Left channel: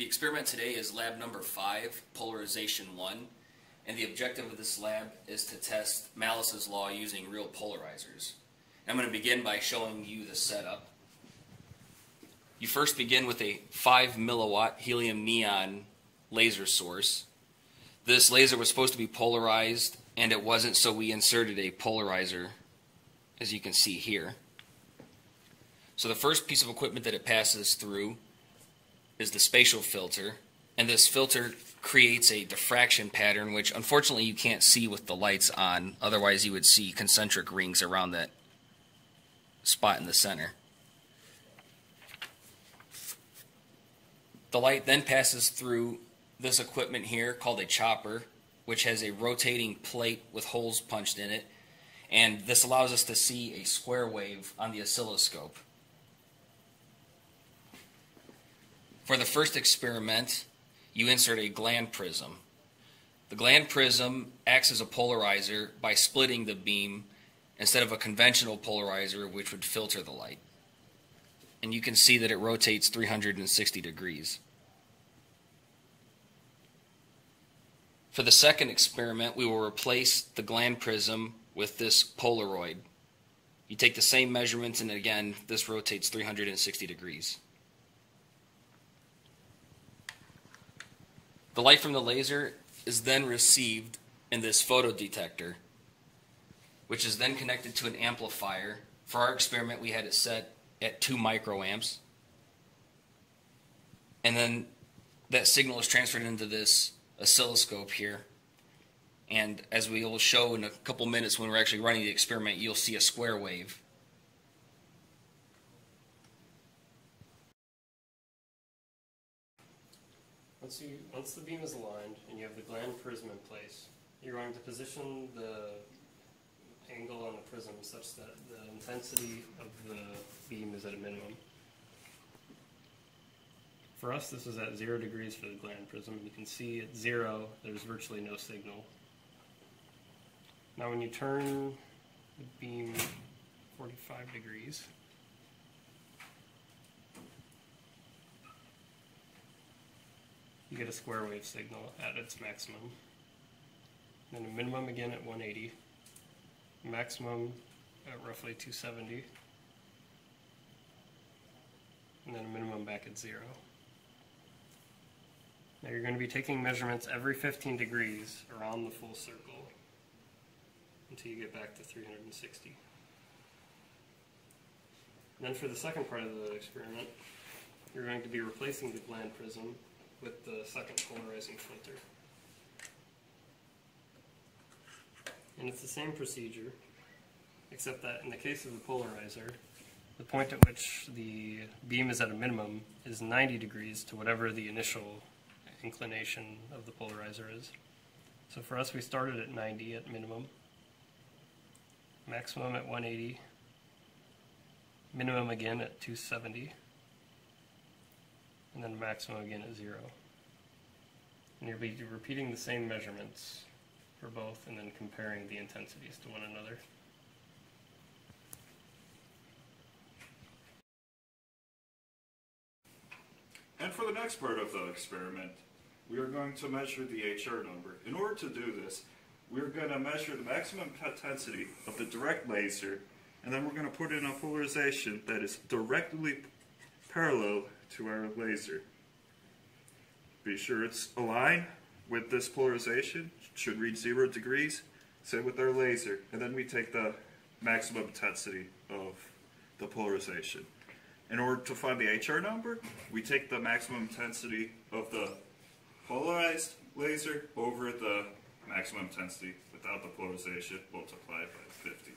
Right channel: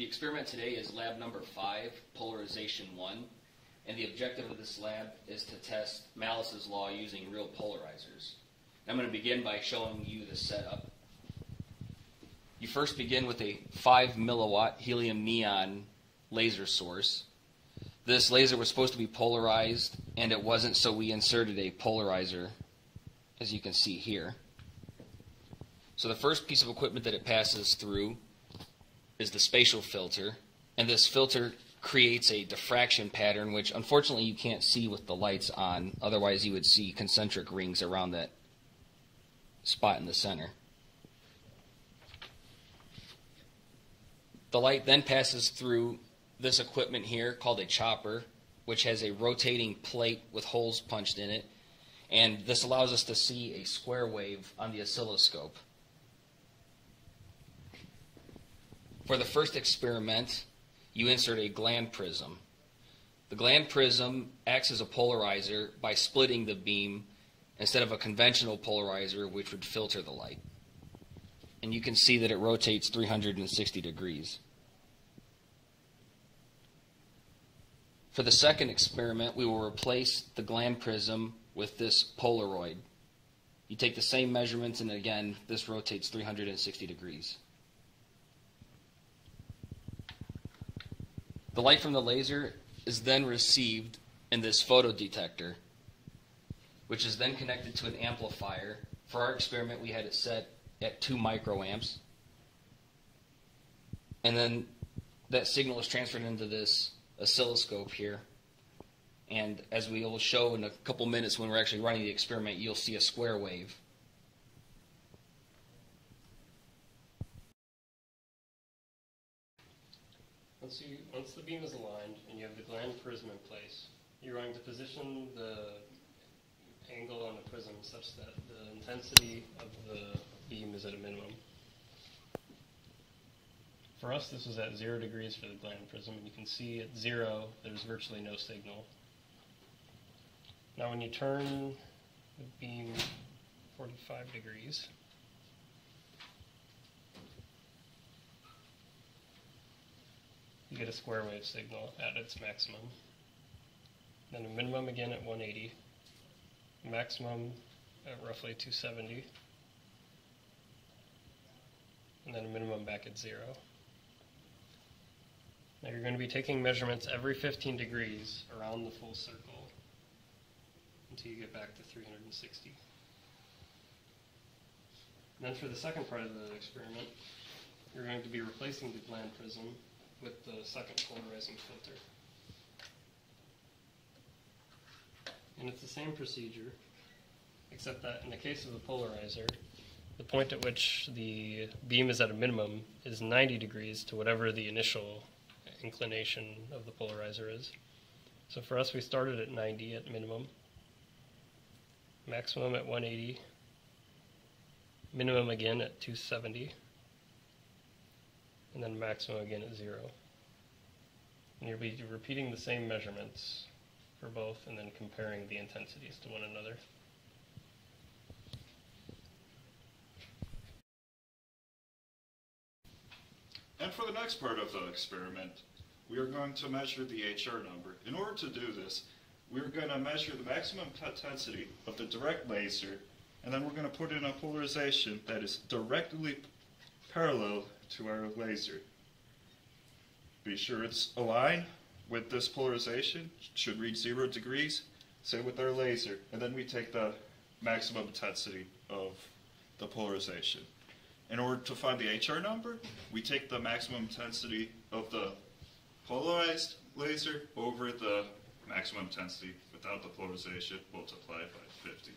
The experiment today is lab number 5, Polarization I, and the objective of this lab is to test Malus's law using real polarizers. I'm going to begin by showing you the setup. You first begin with a 5 milliwatt helium neon laser source. This laser was supposed to be polarized, and it wasn't, so we inserted a polarizer, as you can see here. So the first piece of equipment that it passes through is the spatial filter, and this filter creates a diffraction pattern, which unfortunately you can't see with the lights on. Otherwise you would see concentric rings around that spot in the center. The light then passes through this equipment here called a chopper, which has a rotating plate with holes punched in it, and this allows us to see a square wave on the oscilloscope. For the first experiment, you insert a gland prism. The gland prism acts as a polarizer by splitting the beam instead of a conventional polarizer, which would filter the light. And you can see that it rotates 360 degrees. For the second experiment, we will replace the gland prism with this Polaroid. You take the same measurements, and again, this rotates 360 degrees. The light from the laser is then received in this photodetector, which is then connected to an amplifier. For our experiment, we had it set at 2 microamps. And then that signal is transferred into this oscilloscope here. And as we will show in a couple minutes when we're actually running the experiment, you'll see a square wave. Once the beam is aligned and you have the gland prism in place, you're going to position the angle on the prism such that the intensity of the beam is at a minimum. For us, this is at 0 degrees for the gland prism. You can see at 0, there's virtually no signal. Now when you turn the beam 45 degrees, you get a square wave signal at its maximum. Then a minimum again at 180, maximum at roughly 270, and then a minimum back at 0. Now you're going to be taking measurements every 15 degrees around the full circle until you get back to 360. And then for the second part of the experiment, you're going to be replacing the gland prism with the second polarizing filter. And it's the same procedure, except that in the case of the polarizer, the point at which the beam is at a minimum is 90 degrees to whatever the initial inclination of the polarizer is. So for us, we started at 90 at minimum, maximum at 180, minimum again at 270, and then maximum again at 0. And you'll be repeating the same measurements for both and then comparing the intensities to one another. And for the next part of the experiment, we are going to measure the HR number. In order to do this, we are going to measure the maximum intensity of the direct laser, and then we're going to put in a polarization that is directly parallel to our laser. Be sure it's aligned with this polarization. It should reach 0 degrees. Same with our laser. And then we take the maximum intensity of the polarization. In order to find the HR number, we take the maximum intensity of the polarized laser over the maximum intensity without the polarization multiplied by 50.